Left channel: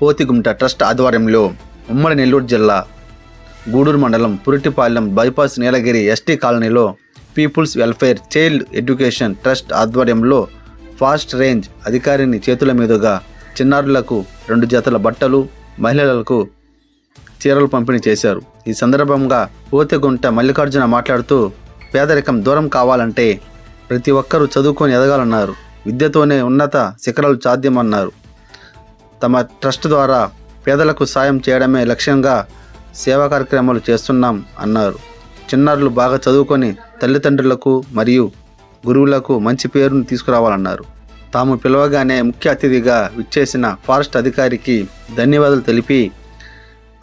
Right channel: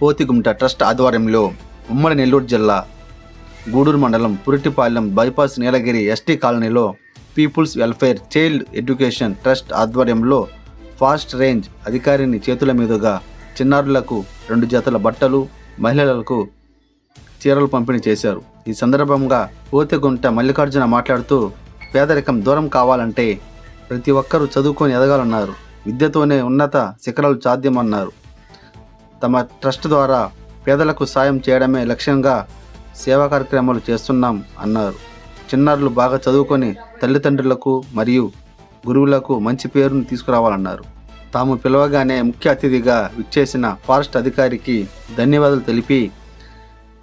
పోతిగుంట trust ఆధ్వర్యంలో ఉమ్మడి నెల్లూరు జిల్లా గూడూరు మండలం పురిటిపాలెం బైపాస్ నీలగిరి ఎస్టీ కాలనీలో people's welfare child education trust ఆధ్వర్యంలో ఫాస్ట్ రేంజ్ అధికారిని చేతుల మీదుగా చిన్నారులకు 2 జతల బట్టలు, మహిళలకు చీరలు పంపిణీ చేశారు. ఈ సందర్భంగా పోతిగుంట మల్లికార్జున మాట్లాడుతూ, పేదరికం దూరం కావాలంటే ప్రతి ఒక్కరూ చదువుకొని ఎదగాలన్నారు. విద్యతోనే ఉన్నత శిఖరాలు సాధ్యమన్నారు. తమ ట్రస్ట్ ద్వారా పేదలకు సాయం చేయడమే లక్ష్యంగా సేవా కార్యక్రమాలు చేస్తున్నాం అన్నారు. చిన్నారులు బాగా చదువుకొని తల్లిదండ్రులకు మరియు గురువులకు మంచి పేరును తీసుకురావాలన్నారు. తాము పిలవగానే ముఖ్య అతిథిగా విచ్చేసిన ఫారెస్ట్ అధికారికి ధన్యవాదాలు తెలిపి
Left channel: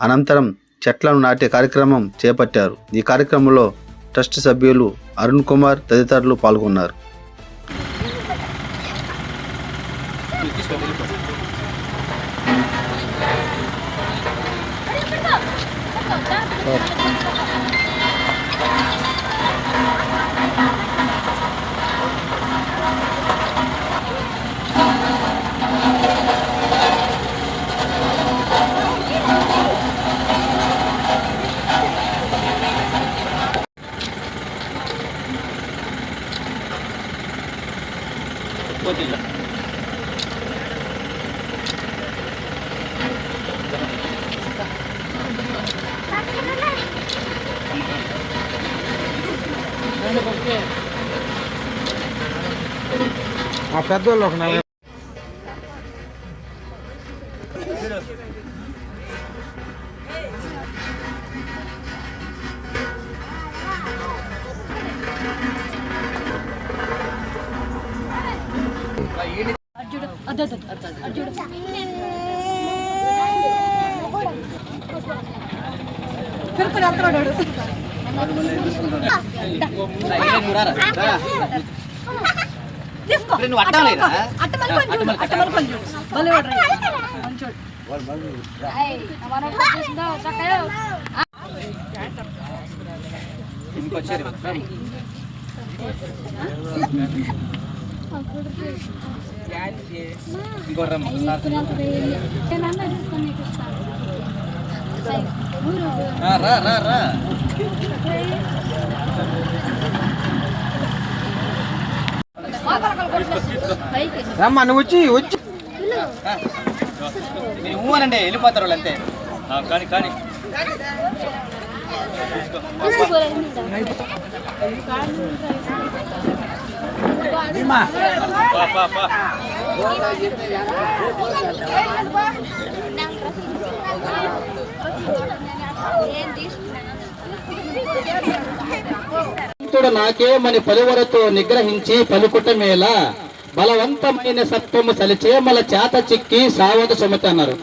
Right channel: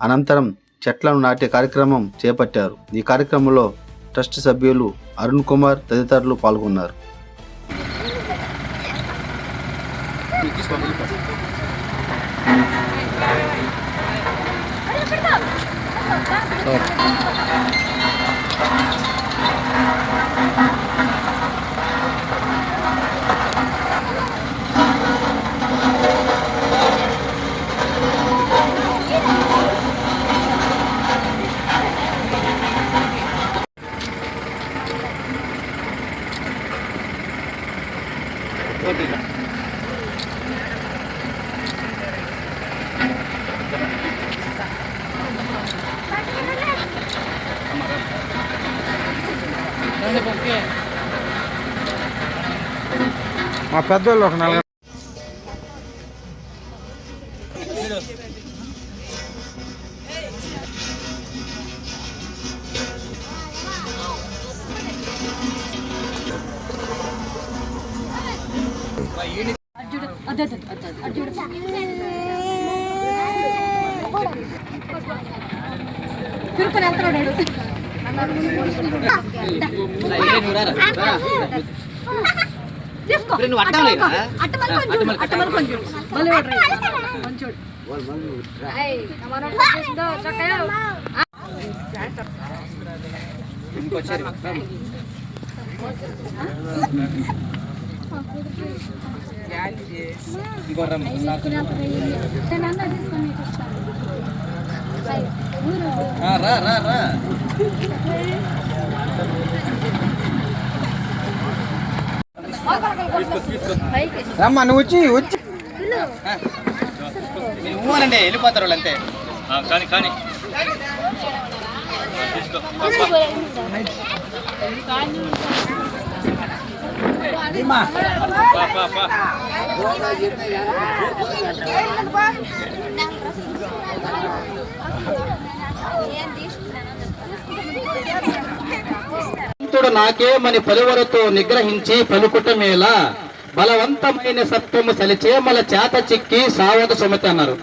అనంతరం చెట్లను నాటే కార్యక్రమం చేపట్టారు. ఈ కార్యక్రమంలో ట్రస్ట్ సభ్యులు అరుణ్ కుమార్ తదితరులు పాల్గొన్నారు. మా పెద్దోళ్ళు తిరుపతి వెళ్తున్నాడు. రమ్మా నువ్వు వచ్చి మీరు ఊరండి వెళ్ళిపోతారు వాళ్ళు అంతే. కానీ కానీ తీసుకో నాకేమని పలువరతో నిగ్రహించి పలుకుటమేలా, బలవంతమైన సత్వము సలిచేమల చేత చిక్కి సావత సుమతి అన్నారు.